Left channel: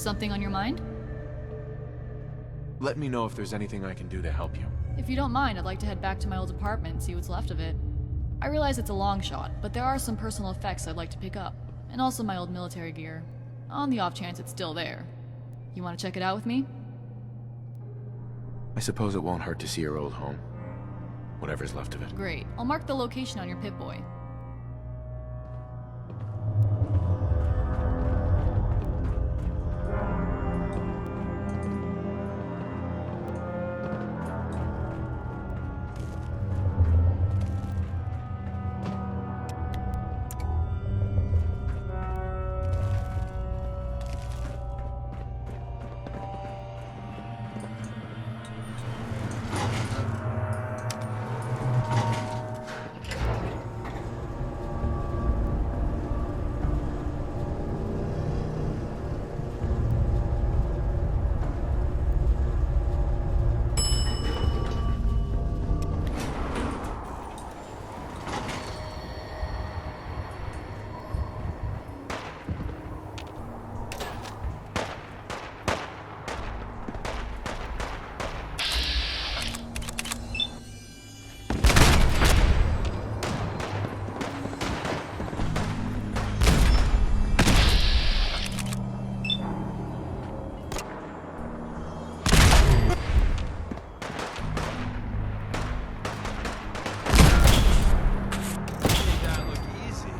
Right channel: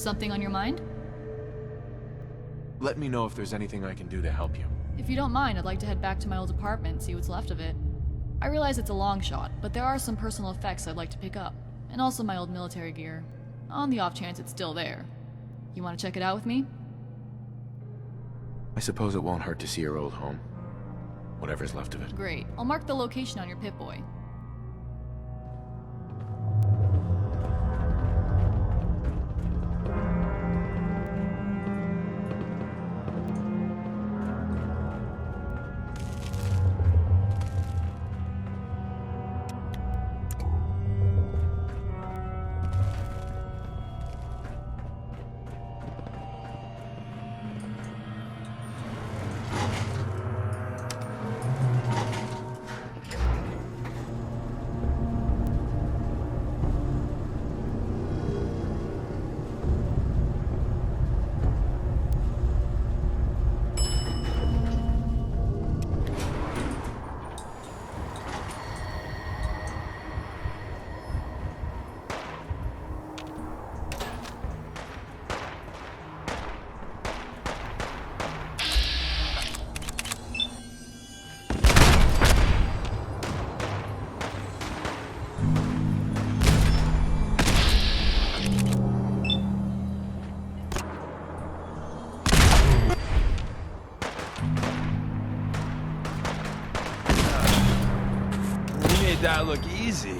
Something on your mind? Let me know if there's anything I can do to help you. If you don't mind, I'd like to head back to my old apartment and see what's left of it. I realize it's a long shot, but there are some personal effects I'd like to pick up. And also my old military gear. On the off chance it's still there. You want to check it out with me? I suppose it won't hurt to see your old home. Whatever's left of it. Great. I'll mark the location on your Pip-Boy. That look easy.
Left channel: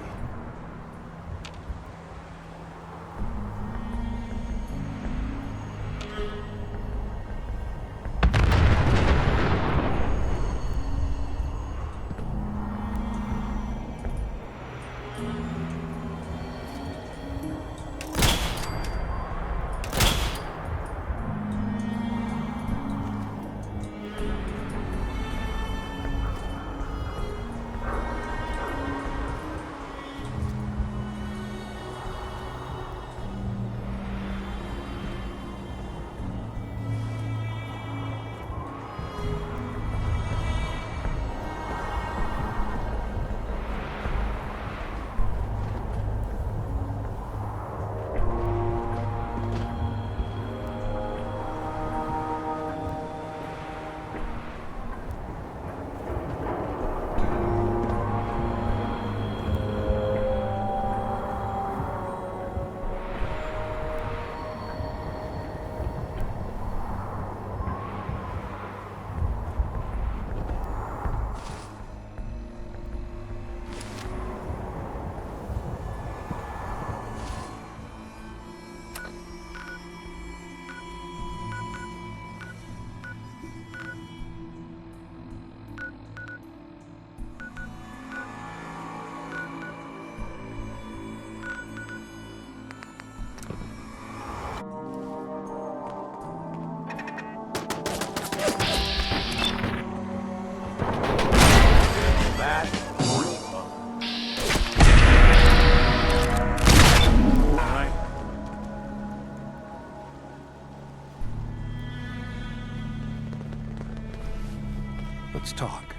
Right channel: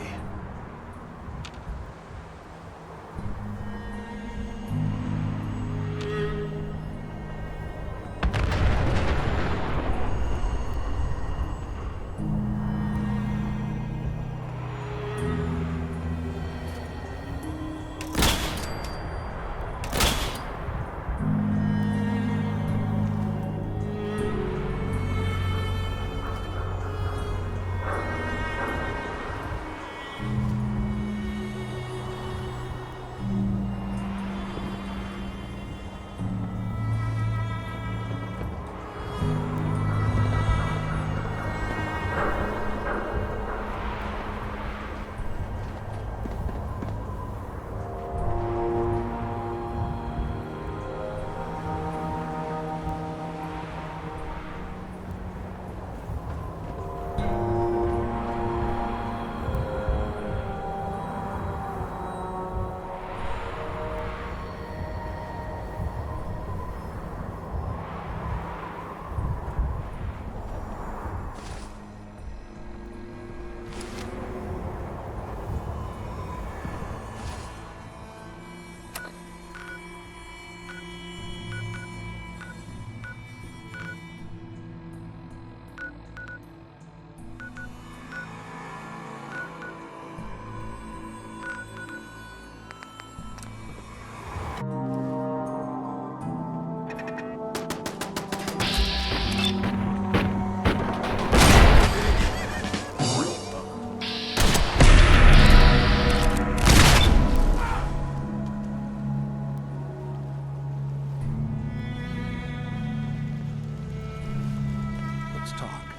Let's talk.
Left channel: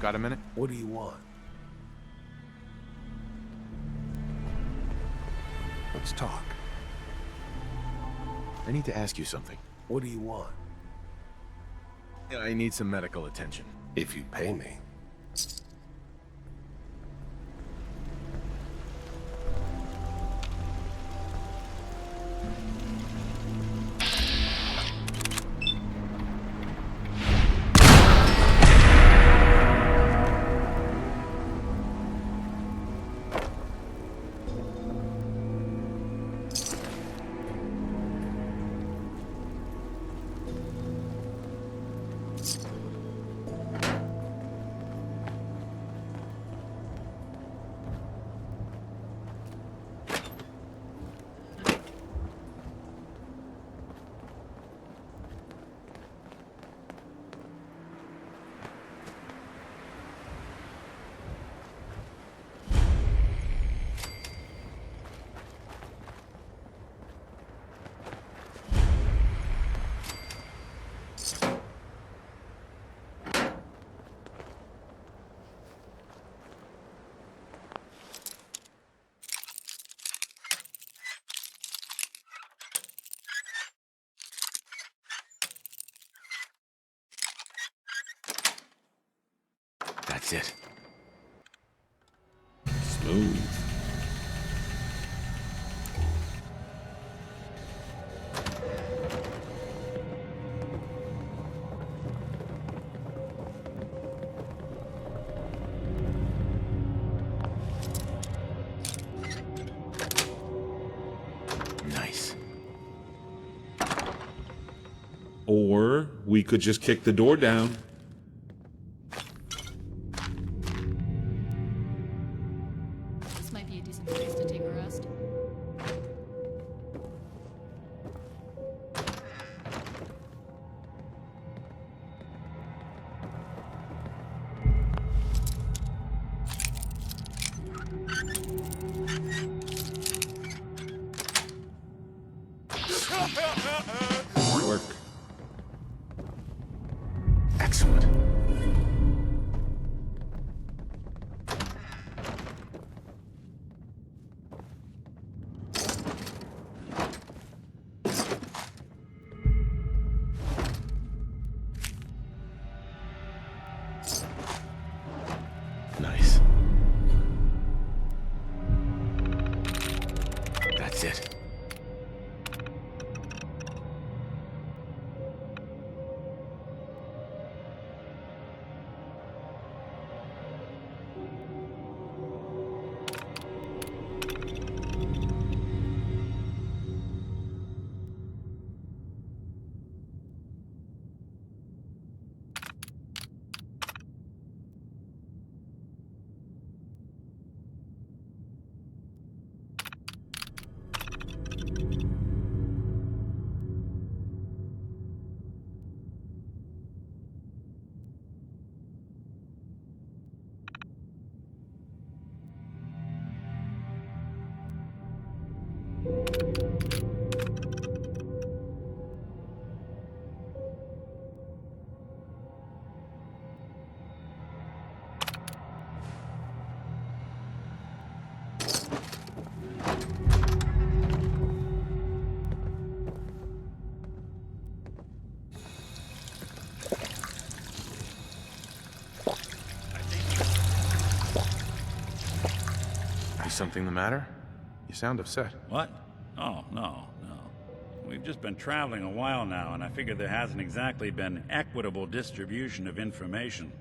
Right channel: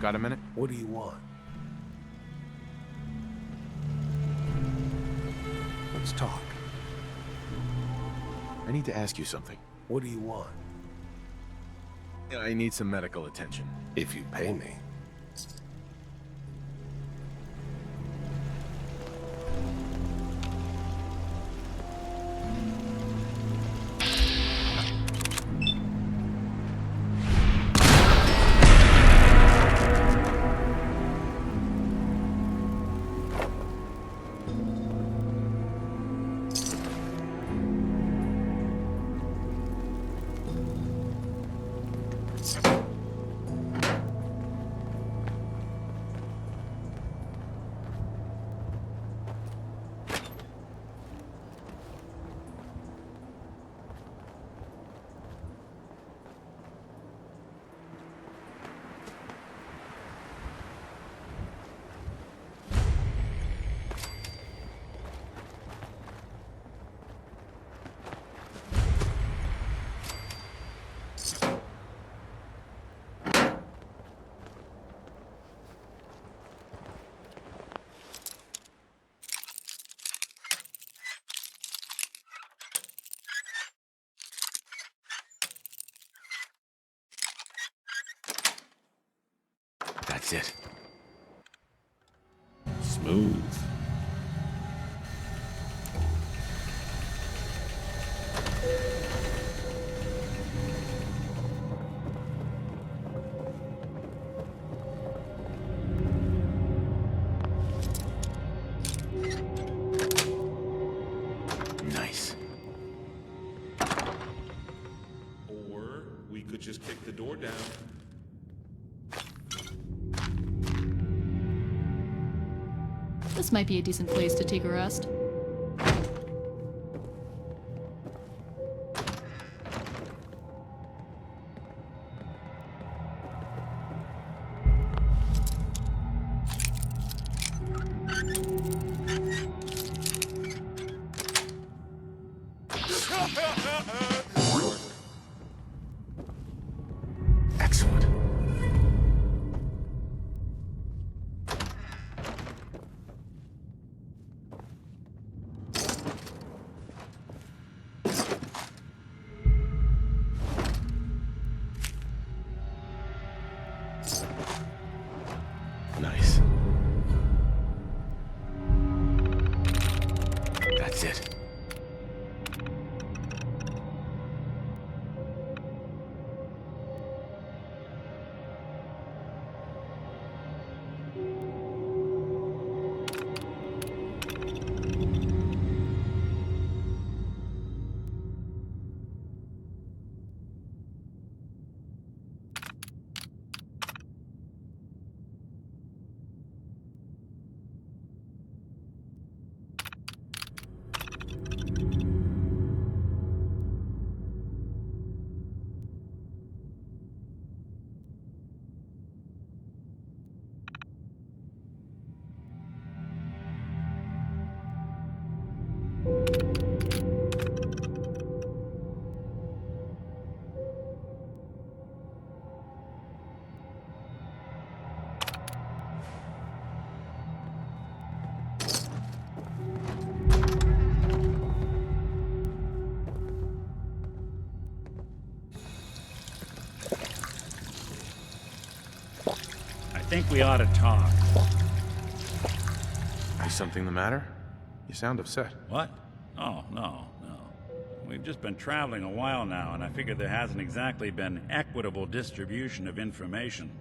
Got a minute? What do you want? Let's talk. I need to ask you something. What do you want? I need some medical attention. If you pay me. That's it. Smooth. Nice. Or we could just kick the door down. This might be a decent place to take a rest. Work. Excellent. Nice. That's it. I think we ought to talk. Is something the matter? You sound upset. What? Oh, no. We've just been traveling a while now, and I figure there hasn't exactly been equitable distribution of information.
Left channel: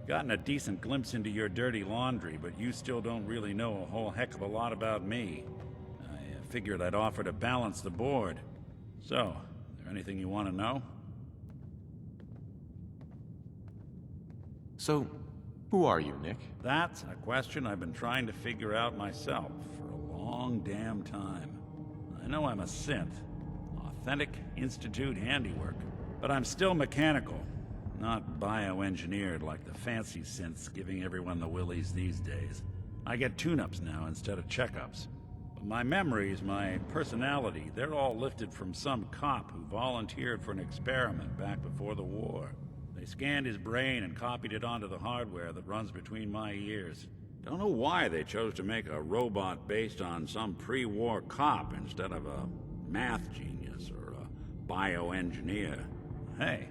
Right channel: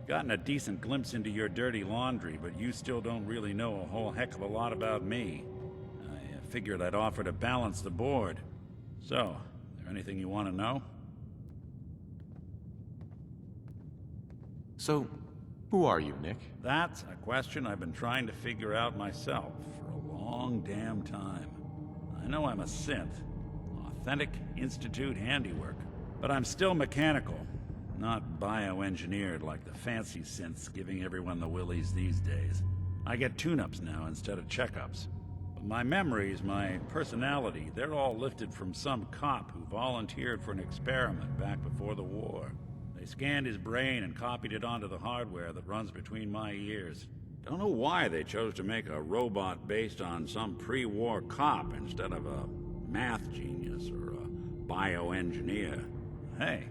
I've gotten a decent glimpse into your dirty laundry, but you still don't really know a whole heck of a lot about me. I figured I'd offer to balance the board. So, is there anything you want to know? So, who are you, Nick? That's a question I've been trying to figure out myself for a long damn time. I know I'm a synth, authentic Institute handiwork, but I'm still mechanical, not bioengineered like the fancy synths giving everyone the willies these days. I get tune-ups now instead of checkups. But my memories, my personality, they're all lifted from some cop who volunteered for an experiment back before the war. They scanned his brain and copied it onto the hardware that runs between my ears. Don't know why they chose to make a robot based on some pre-war cop instead of a math genius or a bioengineer. Hey,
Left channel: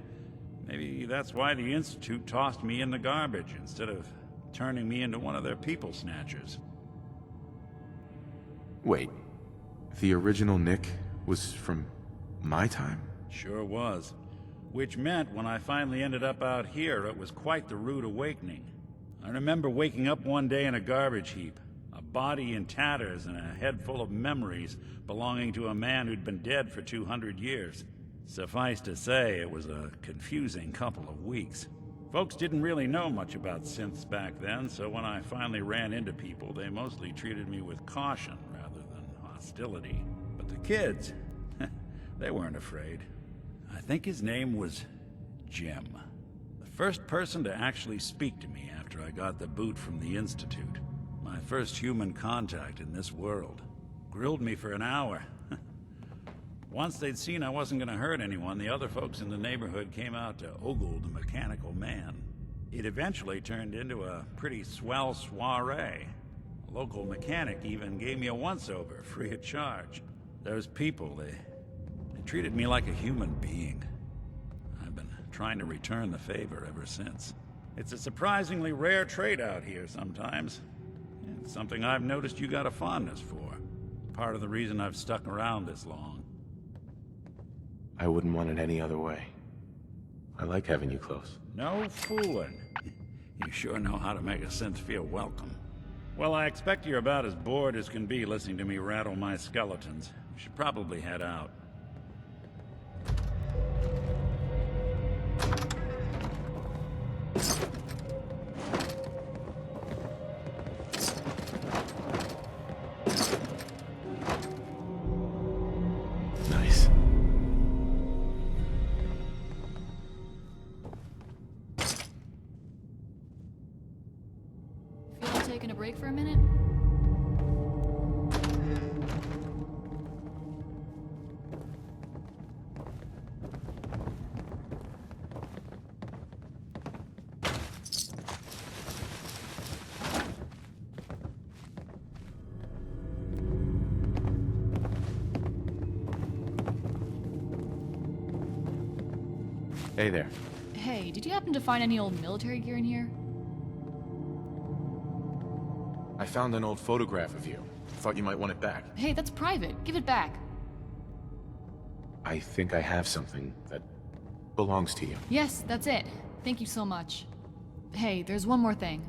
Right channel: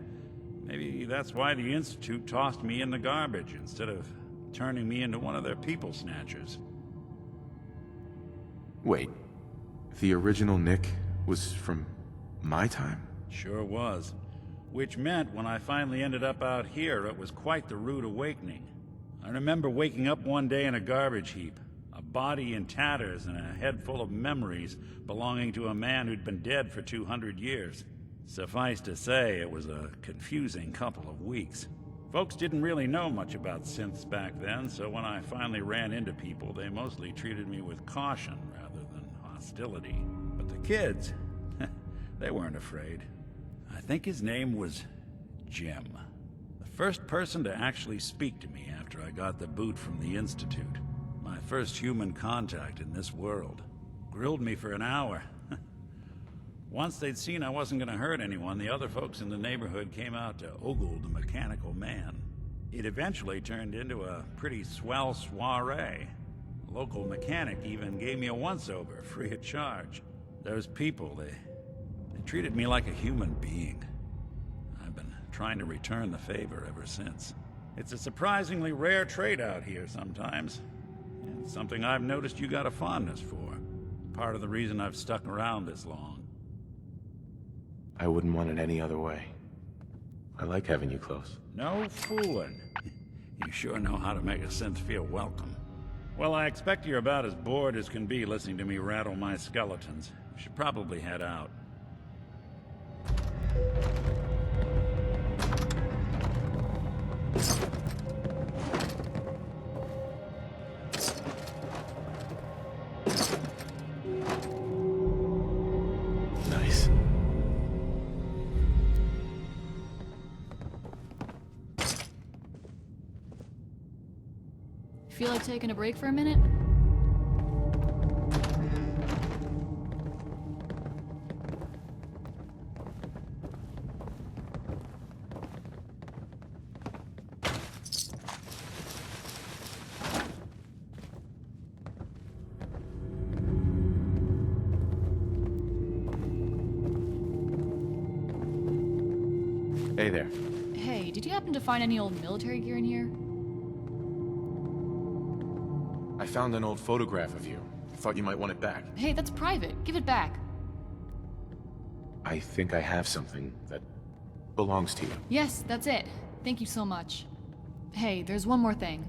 maybe that's why the Institute tossed me in the garbage instead of turning me into one of their people snatchers. Wait, the original Nick was from my time? Sure was. Which meant when I finally ended up out here, it was quite the rude awakening. I remember waking up one day in a garbage heap, a body in tatters and a head full of memories belonging to a man who'd been dead for 200 years. Suffice to say, it was a confusing couple of weeks. Folks didn't really know much about synths back then, so when I finally ran into people, they mostly treated me with caution rather than hostility. But the kids, they weren't afraid. I think his name was Jim. The first person to actually speak to me after I got the boot from the Institute. My first human contact in this world. Grilled me for an hour. Once they'd seen I wasn't going to hurt anyone, the other folks in the neighborhood came out to ogle the mechanical man. It eventually turned into a pretty swell soiree. A local mechanic even gave me a once-over, free of charge. Those people, they treated me like a human being. I've been trying to return the favor ever since. It's a surprisingly rare trait out here sometimes. And something I've noticed you got a fondness for. Part of the reason I've stuck around this long. I wouldn't want it any other way. I like having you close. No fooling. You sure know how to make a synth feel welcome. Well, I expect you're about as bored as can be listening to me rattle my skeletons. We should probably head out. Nice. Feel like taking a break for a minute? Hey there. Hey, did you happen to find any old military gear in here? I found an old photograph of you. Thought you might want it back. Hey, that's private. Give it back. I think I have something that belongs to you. Yes, that's it. Thank you so much. Hey, there's one more thing.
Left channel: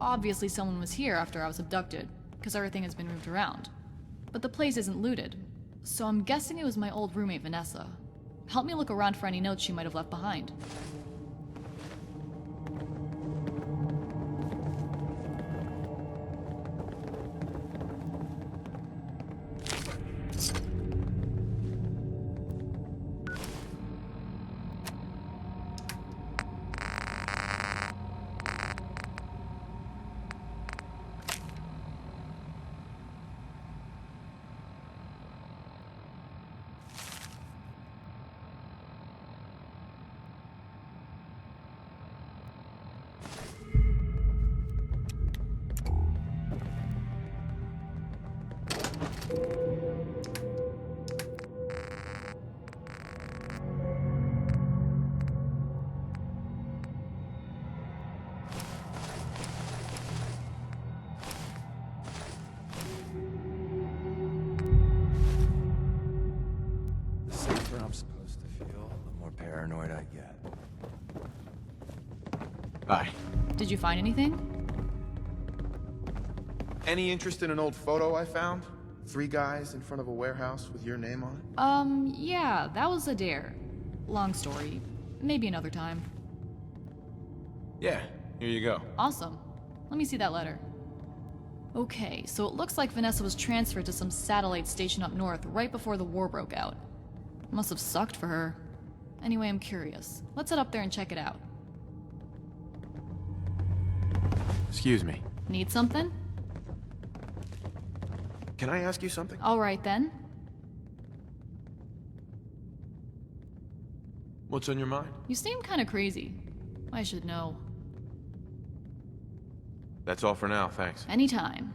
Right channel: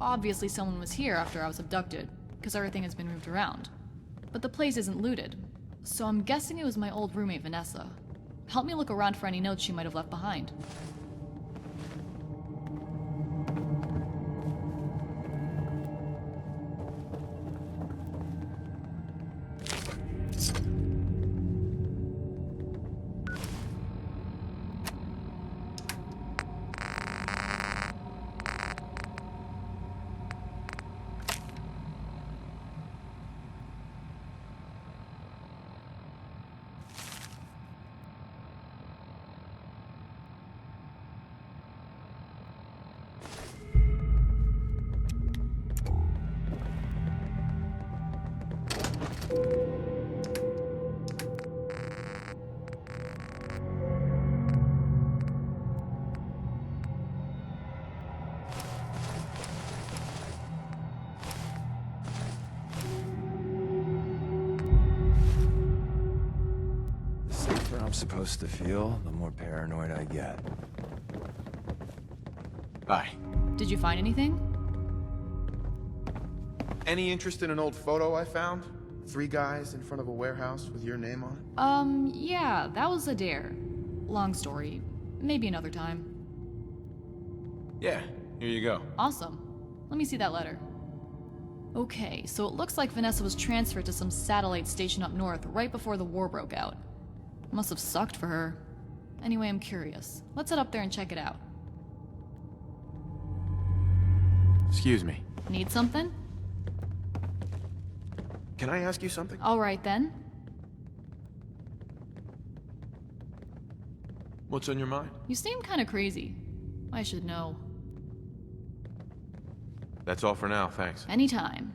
Obviously someone was here after I was abducted, because everything has been moved around. But the place isn't looted, so I'm guessing it was my old roommate Vanessa. Help me look around for any notes she might have left behind. The safer I'm supposed to feel, the more paranoid I get. Hi. Did you find anything? Any interest in an old photo I found? 3 guys in front of a warehouse with your name on it? Yeah, that was a dare. Long story. Maybe another time. Yeah, here you go. Awesome. Let me see that letter. Okay, so it looks like Vanessa was transferred to some satellite station up north right before the war broke out. Must have sucked for her. Anyway, I'm curious. Let's head up there and check it out. Excuse me. Need something? Can I ask you something? Alright then. What's on your mind? You seem kinda crazy. I should know. That's all for now, thanks. Anytime.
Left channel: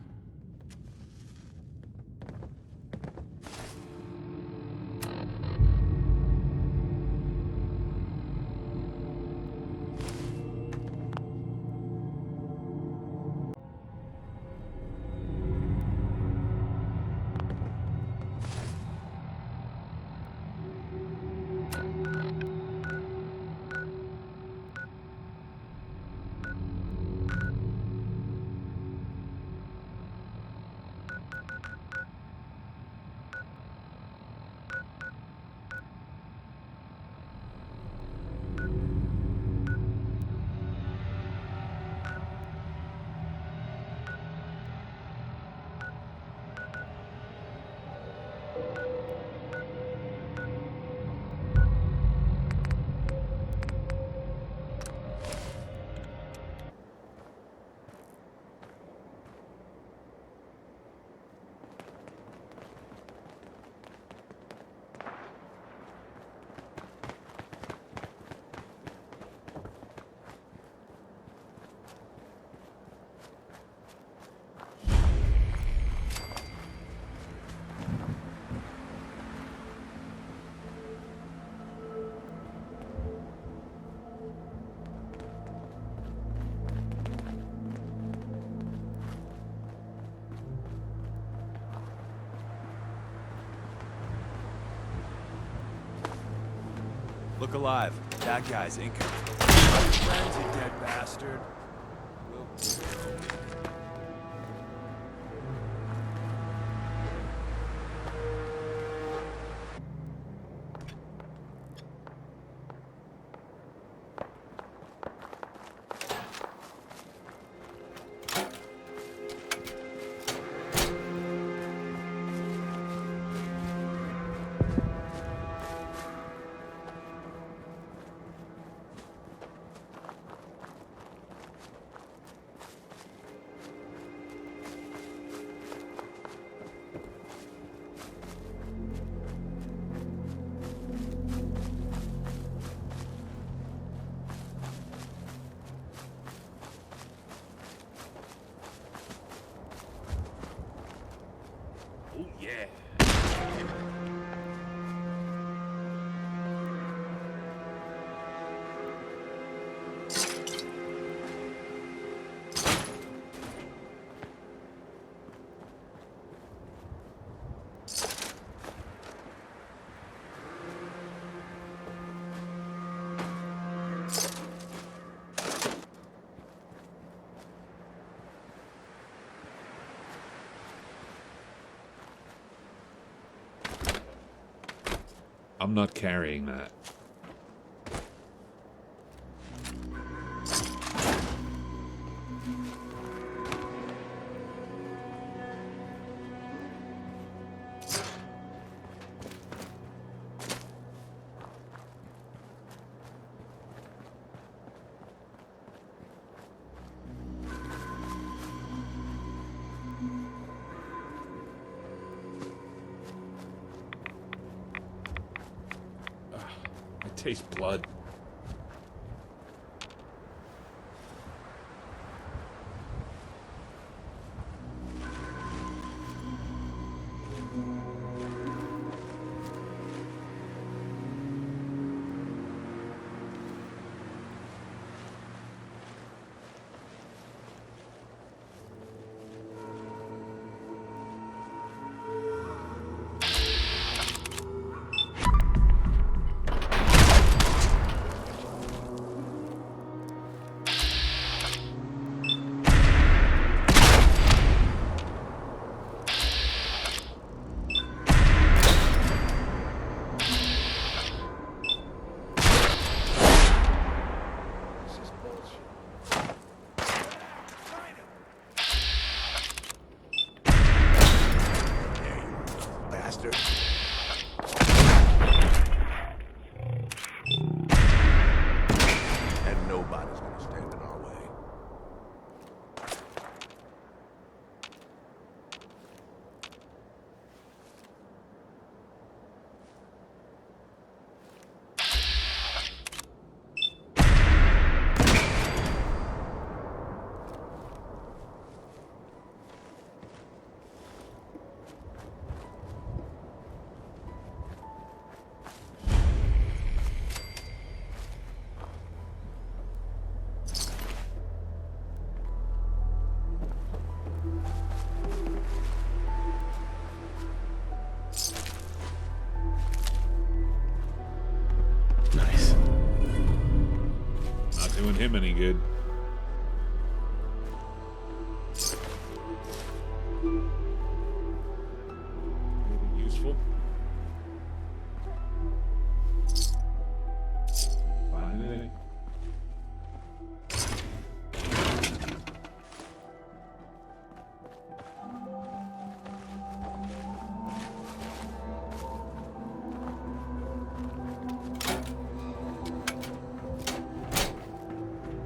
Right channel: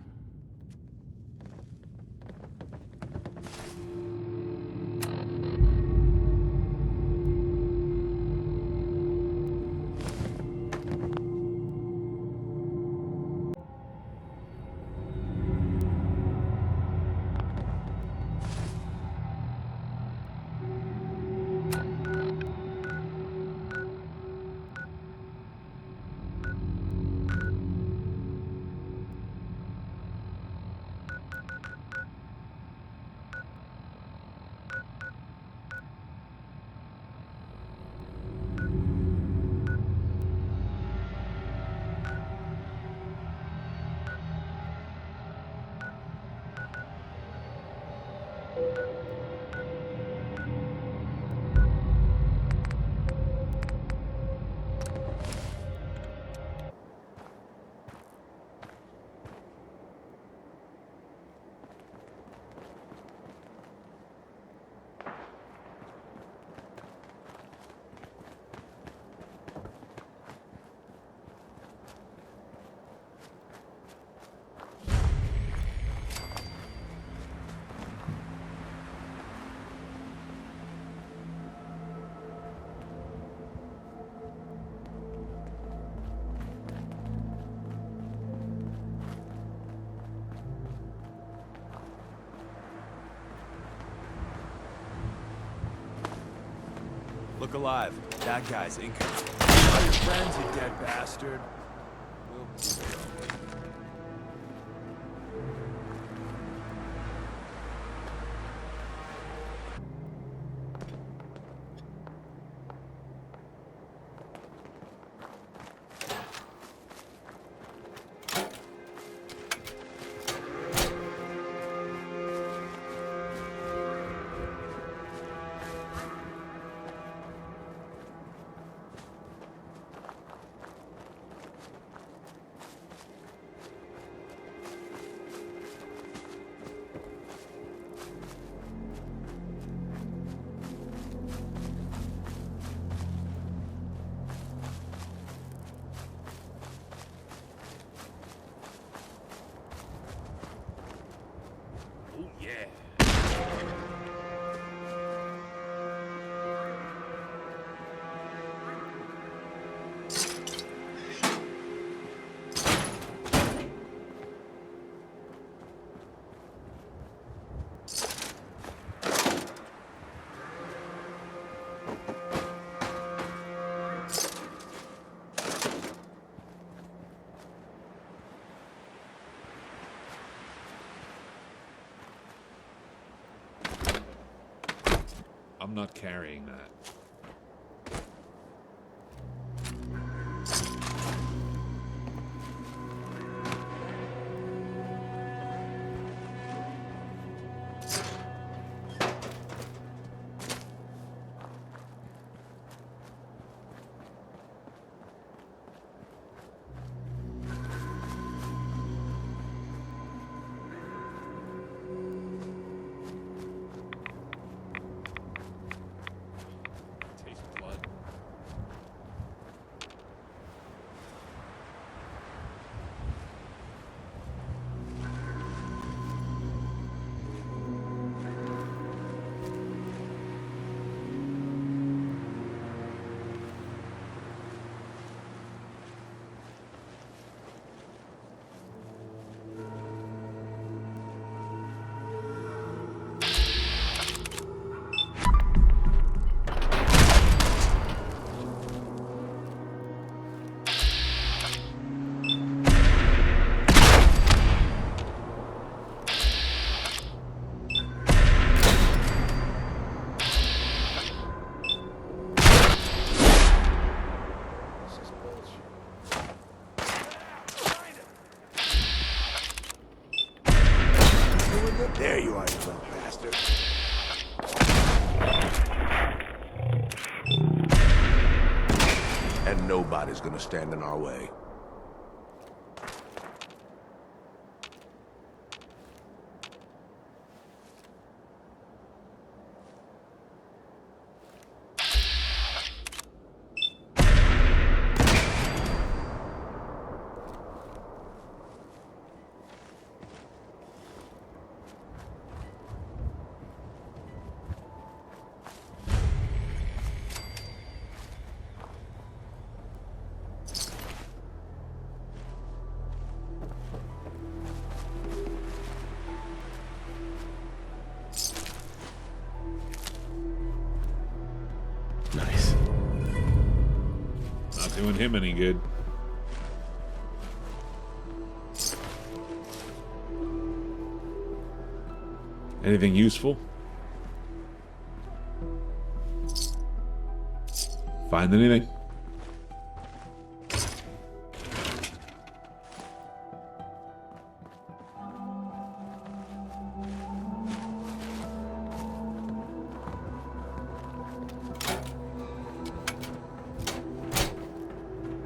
Look alive. That guy's Inca. All your friends, you dead bastard. We'll go. Oh, yeah. I'm not carrying that. Taste blood. There you are, you little bastard. And nobody's gonna stand in our way. Nice. Not doing him any good. Anything useful? Find anything?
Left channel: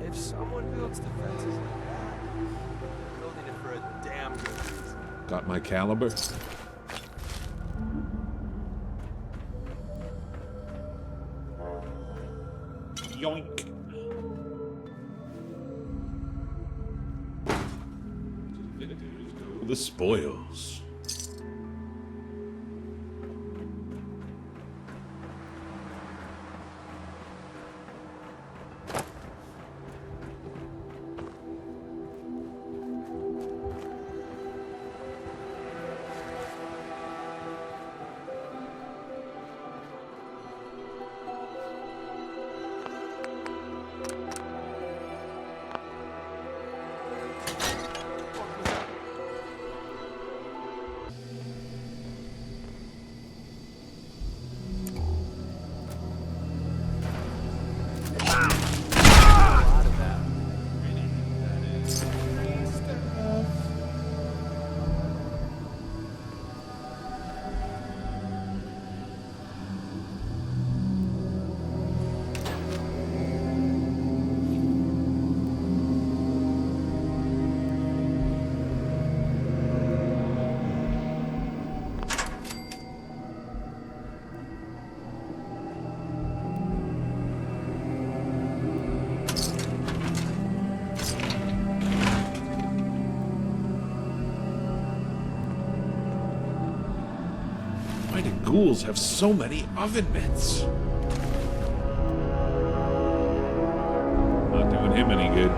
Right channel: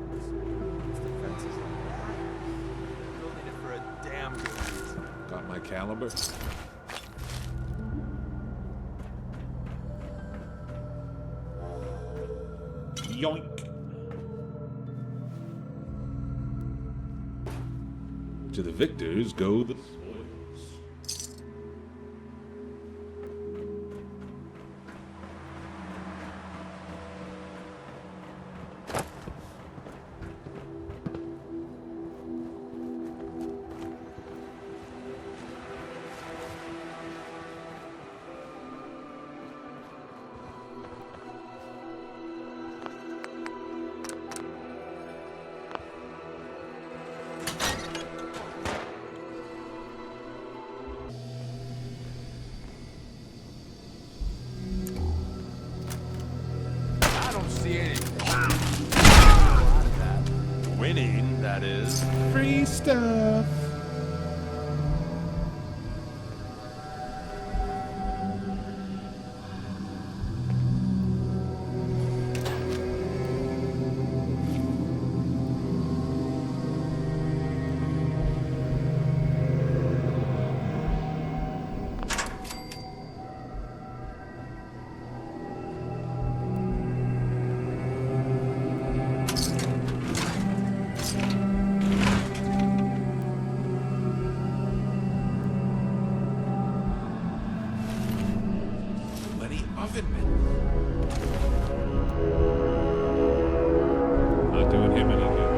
If someone builds defenses like that, they're building it for a damn good reason. Got my caliber? Yoink. To the victors go the spoils. Mining, that is. Free stuff. Why do ghouls have so many oven mitts? Not doing him any good.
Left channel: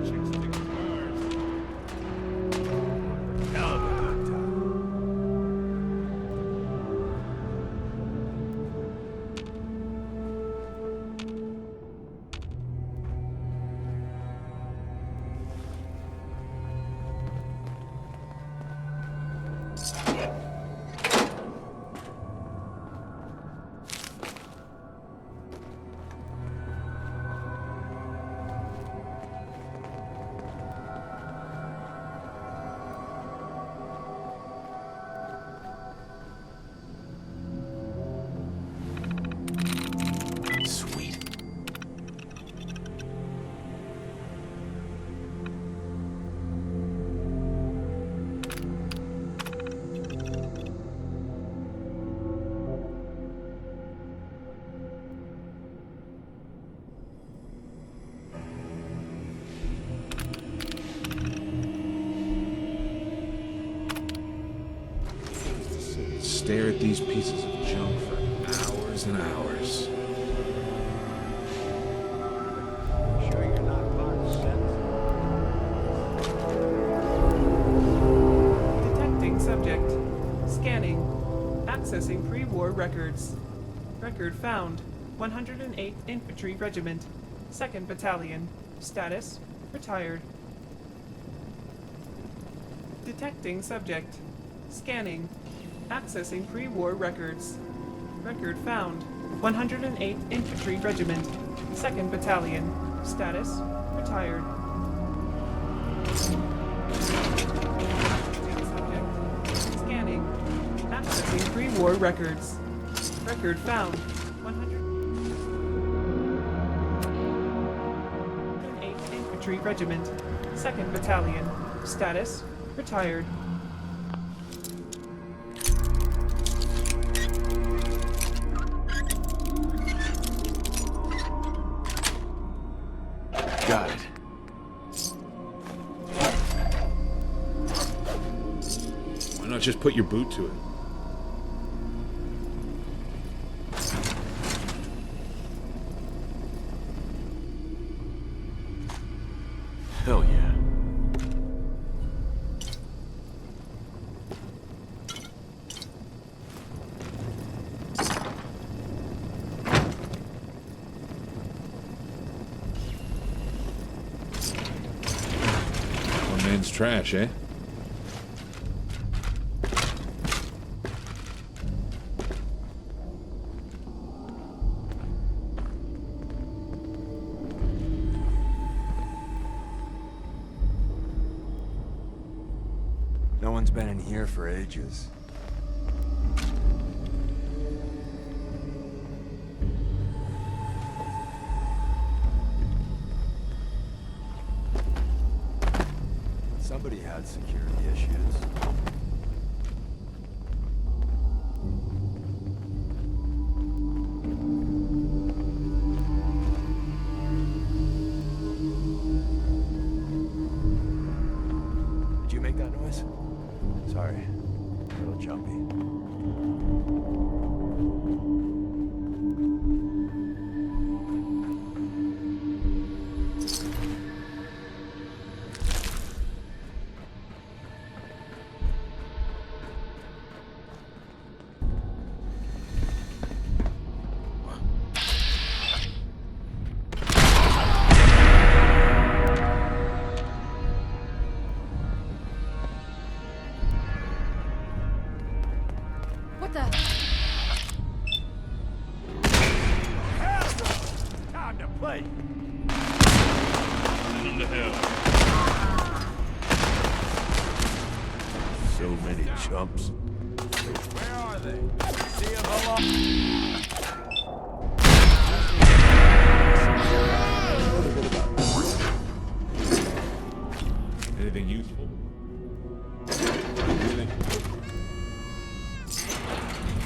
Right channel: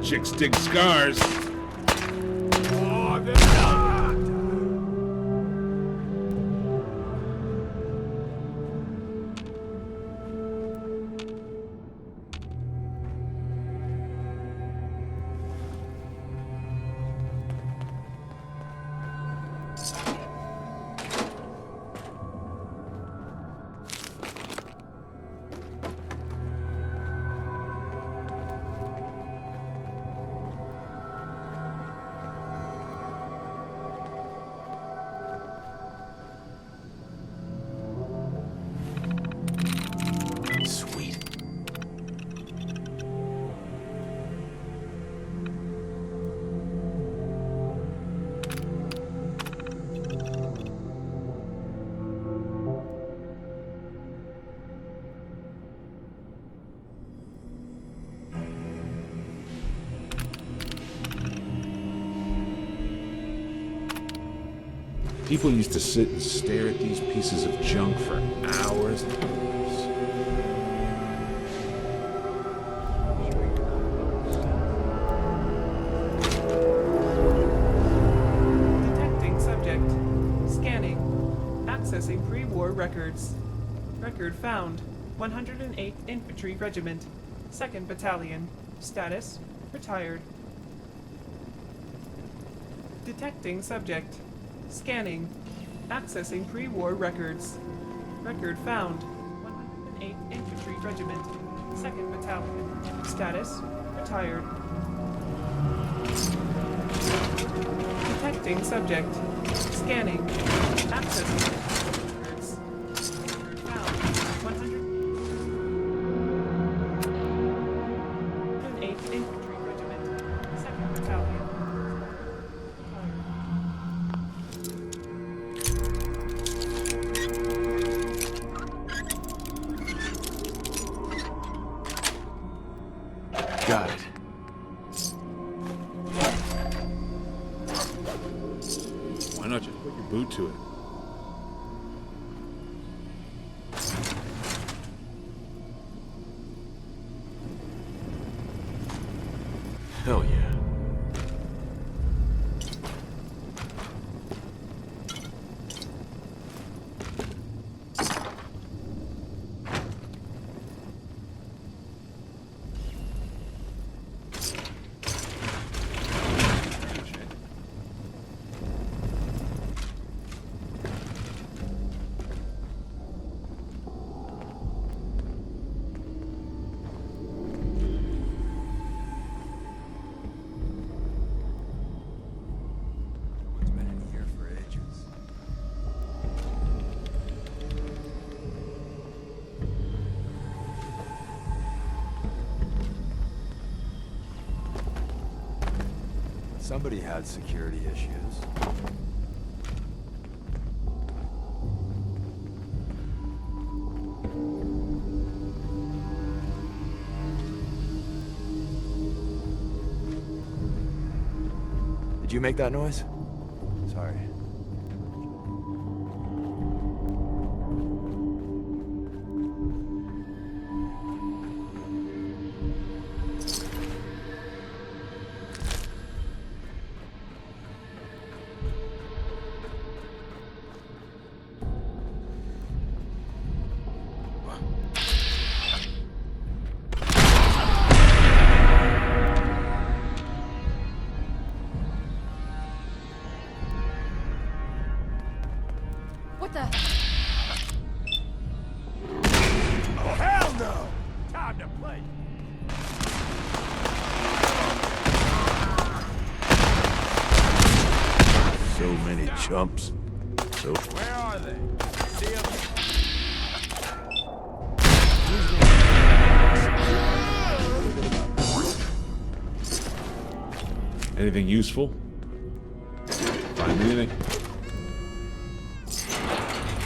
Chicks dig scars. Oh, this time. Sweet. People used to sit and stare at these pieces of junk for hours and hours. Sure you're not Clark Kent? Detecting subject. Scanning. Accessing pre-war records. Record found. 108th Infantry Regiment. 2nd Battalion. Status. Retired. Detecting subject. Scanning. Accessing pre-war records. Record found. 108th Infantry Regiment. 2nd Battalion. Status. Retired. Detecting subject. Scanning. Accessing pre-war records. Record found. 108th Infantry Regiment. 2nd Battalion. Status. Retired. Got it. Why not just put your boot to it? Hell yeah. Man's trash, eh? No one's been in here for ages. Somebody had security issues. Did you make that noise? Sorry. A little jumpy. What the? Oh, hell no! Time to play. So many chumps. Where are they? See them Anything useful? Find anything?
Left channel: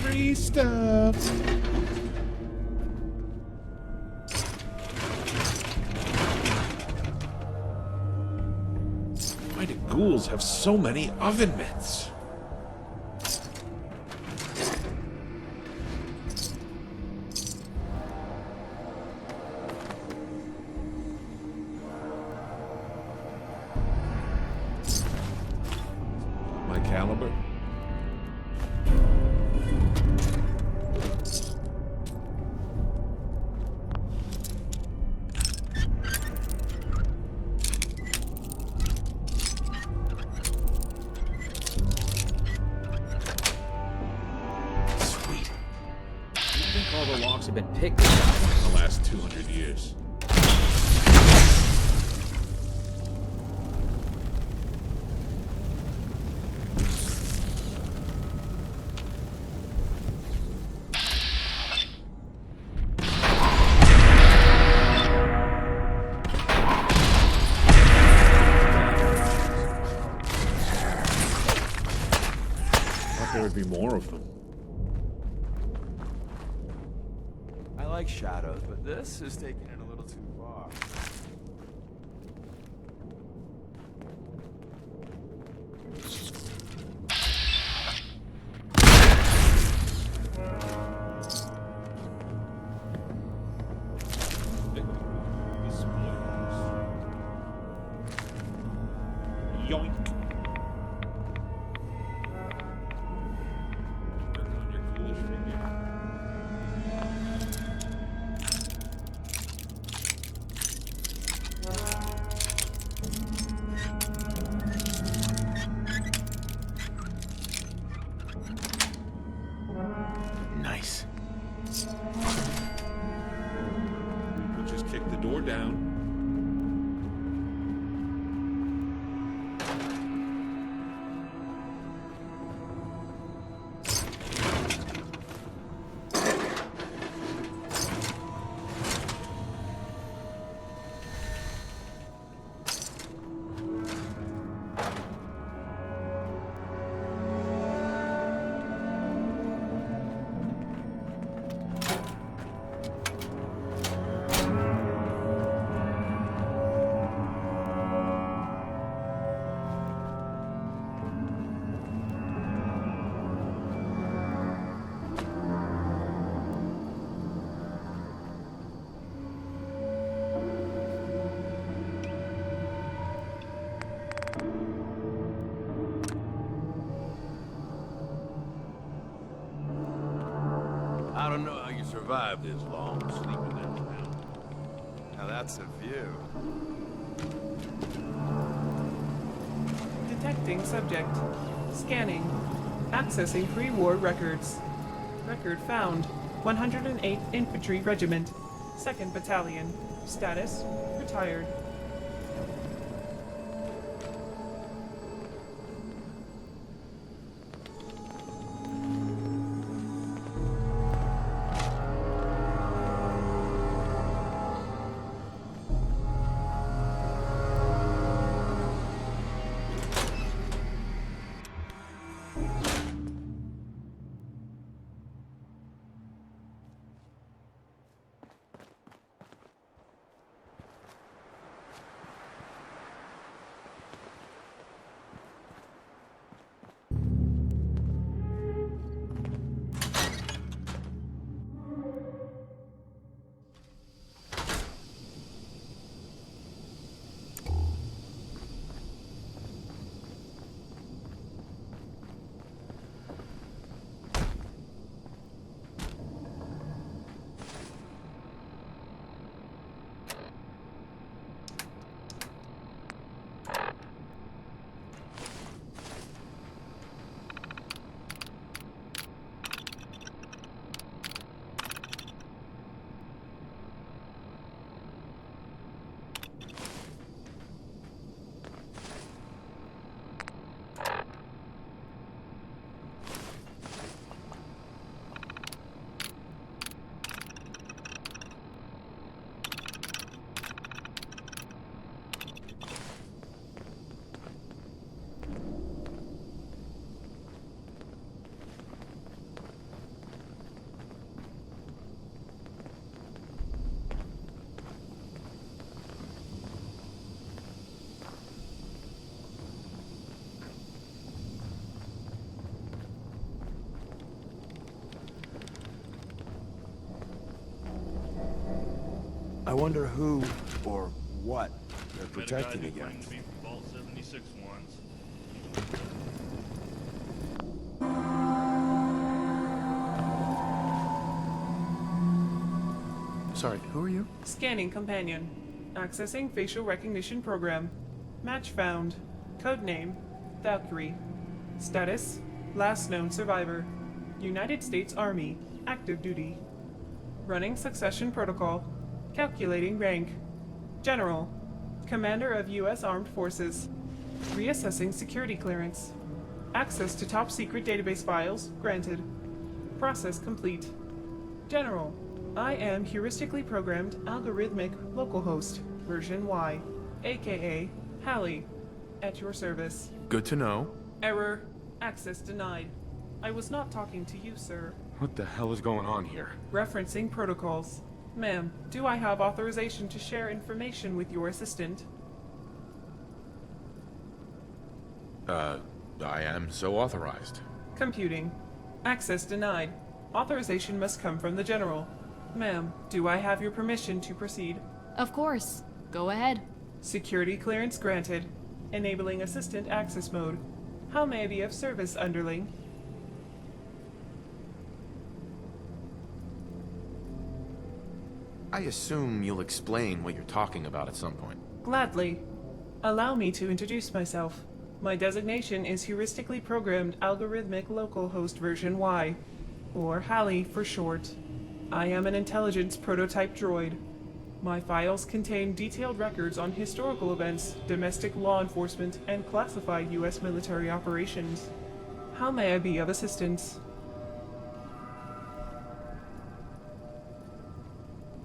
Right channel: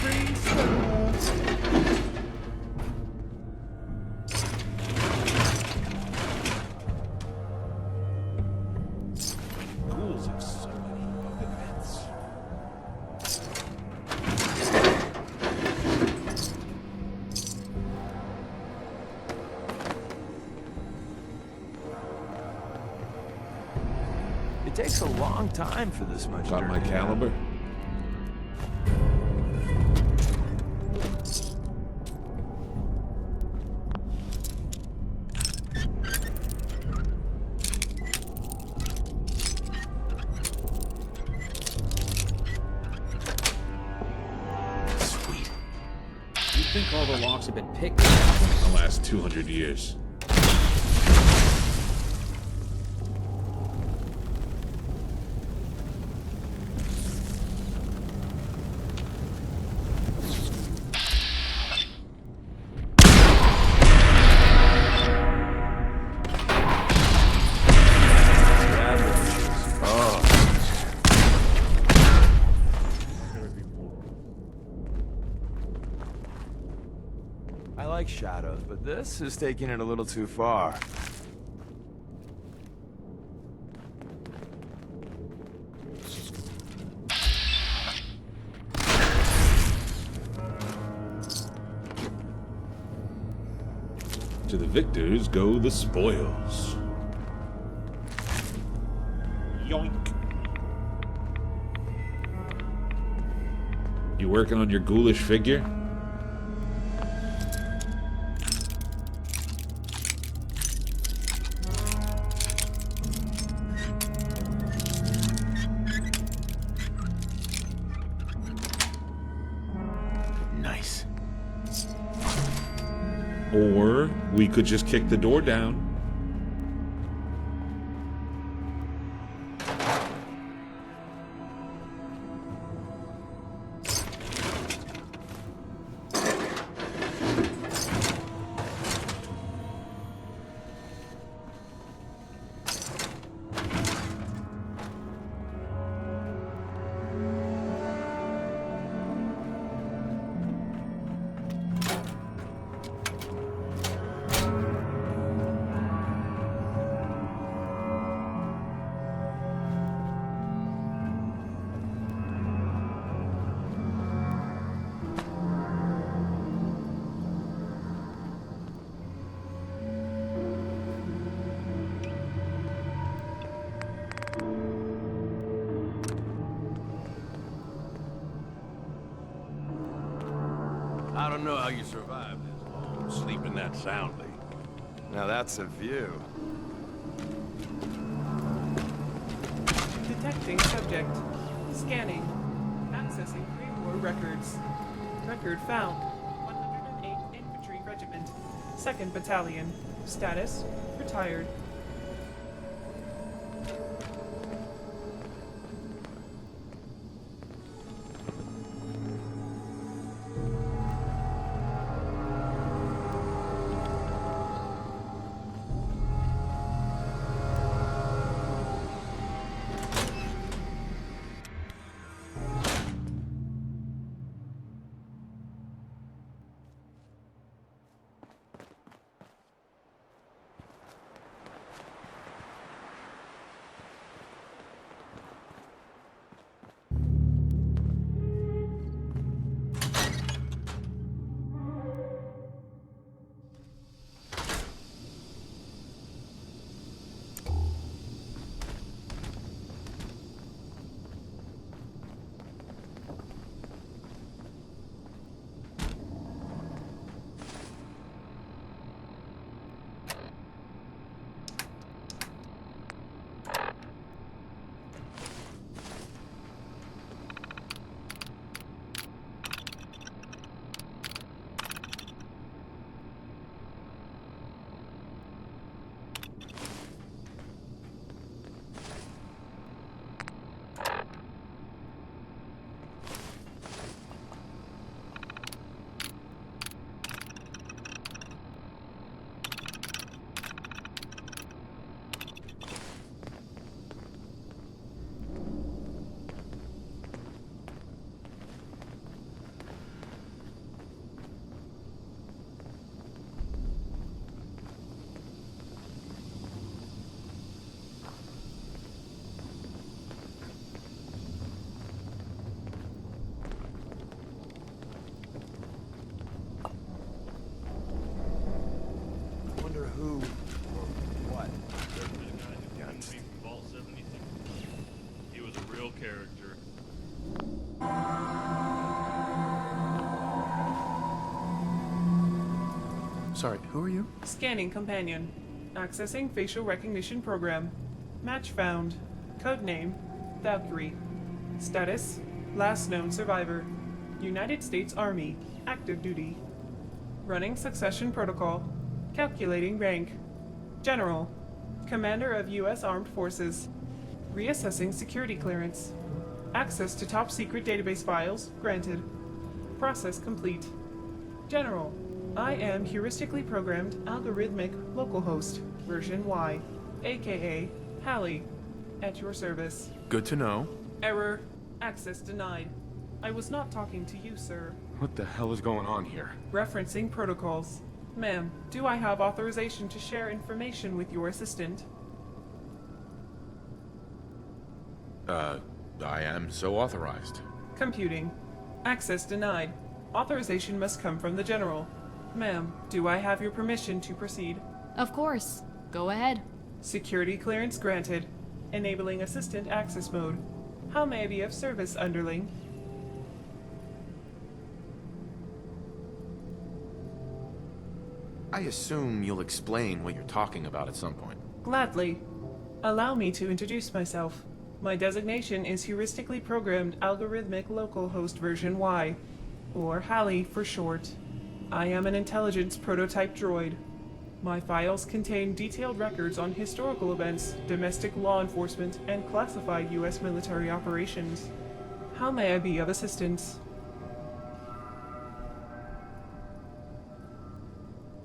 Free stuff. Why do ghouls have so many oven mitts? It takes a long time for this much. Got dirt. my caliber? Sweet. You think all the locks have been picked at this point? The last 200 years. Thought there would be more of them. I like shadows, but this is taking it a little too far. To the victors go the spoils. Yoink. You working on your ghoulish figure? Nice. Or we could just kick the door down. I don't know how you survived this long, sleeping that soundly. Now that's a view. Detecting subject. Scanning. Accessing pre-war records. Record found. 108th Infantry Regiment. 2nd Battalion. Status. Retired. wonder who or what they're protecting against. Vault 76 once. He was a real character. Sorry, who are you? Scanning companion. Accessing facial recognition program. Match found. Codename Valkyrie. Status last known survivor. United States Army. Active duty. Running succession protocol. Calculating rank. General. Commander of U.S. Armed Forces. Reassessing security clearance. Access to top secret database files granted. Process complete. General. I am heuristically programmed algorithmic localhost, version Y, aka Hallie, at your service. Good to know. Error. Access denied. I was not talking to you, sir. What the hell is going on here? Referencing protocols. Ma'am, do I have authorization to share information with your assistant? I am so authorized. Computing. Access denied. Authorization must come from the General. Ma'am, do I have your permission to proceed? Of course. Go ahead. Security clearance granted. Enabling assistant access mode. How may I be of service, underling? I assume you'll explain what you're talking about at some point. Gladly. Allow me to introduce myself. My designation is heuristically programmed algorithmic localhost version Y, or Hallie for short. I am an intelligence prototype droid. My files contain detailed records on historical events, domestic law enforcement, and classified U.S. military operations. How may I be of assistance?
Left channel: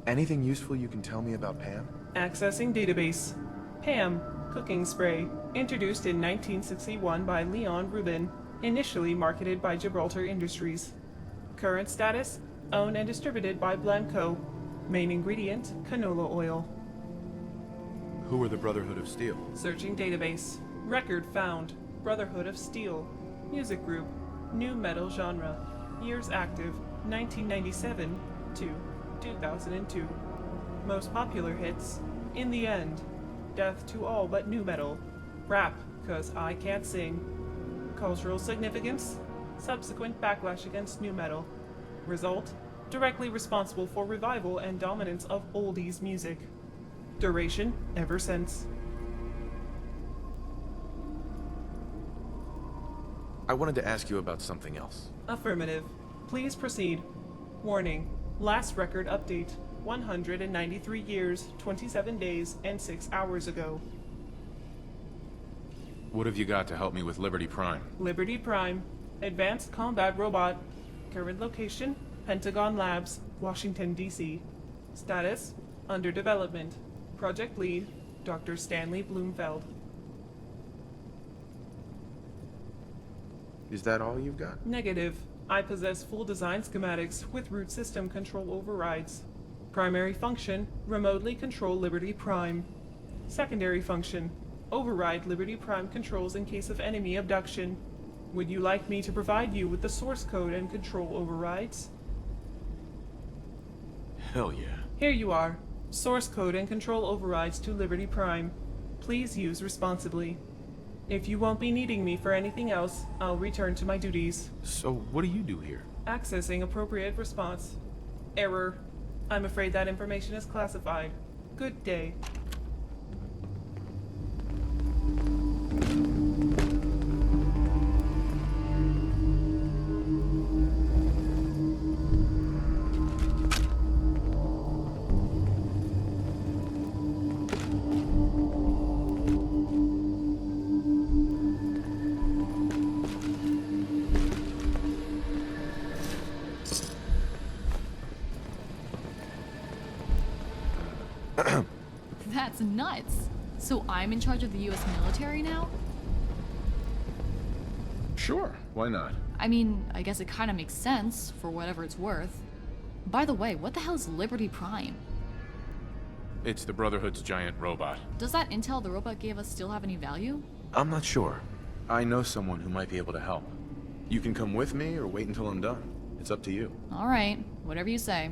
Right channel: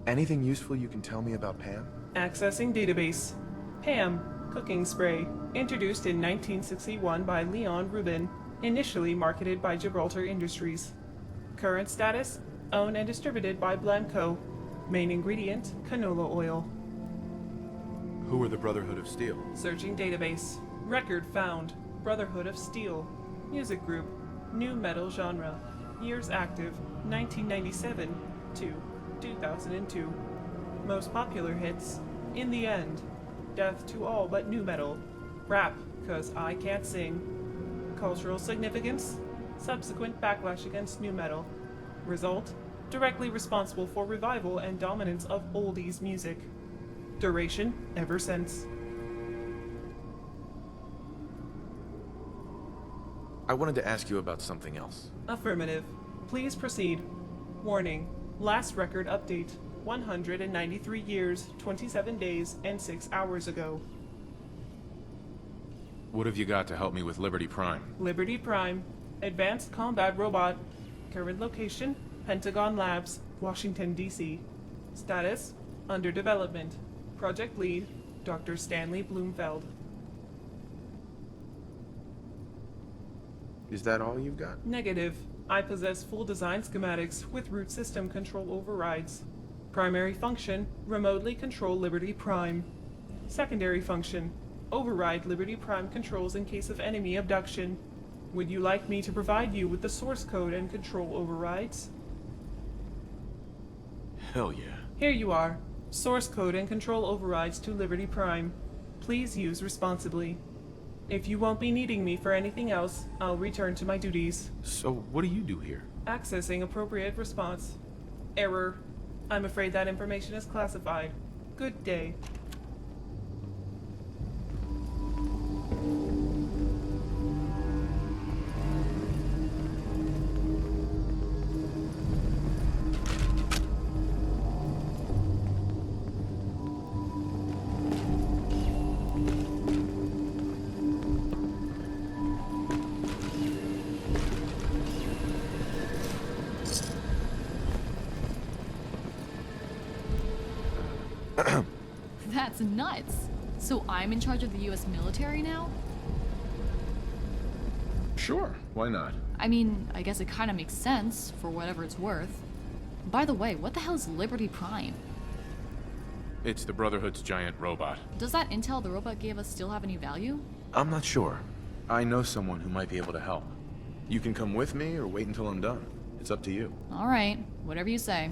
Anything useful you can tell me about Pam? Accessing database. Pam, cooking spray, introduced in 1961 by Leon Rubin, initially marketed by Gibraltar Industries. Current status, owned and distributed by Blanco. Main ingredient, canola oil. Who are the Brotherhood of Steel? Searching database. Record found. Brotherhood of Steel. Music group. New metal genre. Years active, 1997 to 2002. Most popular hits, In the End. Death to all but new metal. Rap, 'cause I can't sing. Cultural significance, subsequent backlash against new metal. Result, directly responsible for revival and dominance of oldies music. Duration, ever since. I wanted to ask you about something else. Affirmative. Please proceed. Warning. Last record update. 193 years, 27 days, and 6 hours ago. What have you got to help me with Liberty Prime? Liberty Prime. Advanced combat robot. Current location, Pentagon Labs, Washington, D.C. Status, under development. Project lead, Dr. Stanley Bloomfeld. Is that all you've got? Negative. I possess full design schematics with root system control overrides. Primary function, remotely control Liberty Prime. Secondary function, override Liberty Prime controls in case of enemy abduction. Would you like me to provide you with the source code and control overrides? Hell yeah. Here you are. Source code and control overrides to Liberty Prime. Please use responsibly. If you won't be needing me for anything else, I'll return to my duties. So what do you do here? Accessing appropriate response. Error. I'm afraid that information is classified. Good day. That's nuts. So I'm in charge of the US military now? Sure, why not? I mean, I guess it kind of makes sense, for whatever it's worth. By the way, what the hell is Liberty Prime? It's the Brotherhood's giant robot. Does that intel the robot gave us still have any value? I'm not sure. I know someone who might be able to help. You can come with me or wait until I'm done. It's up to you. Alright, whatever you say.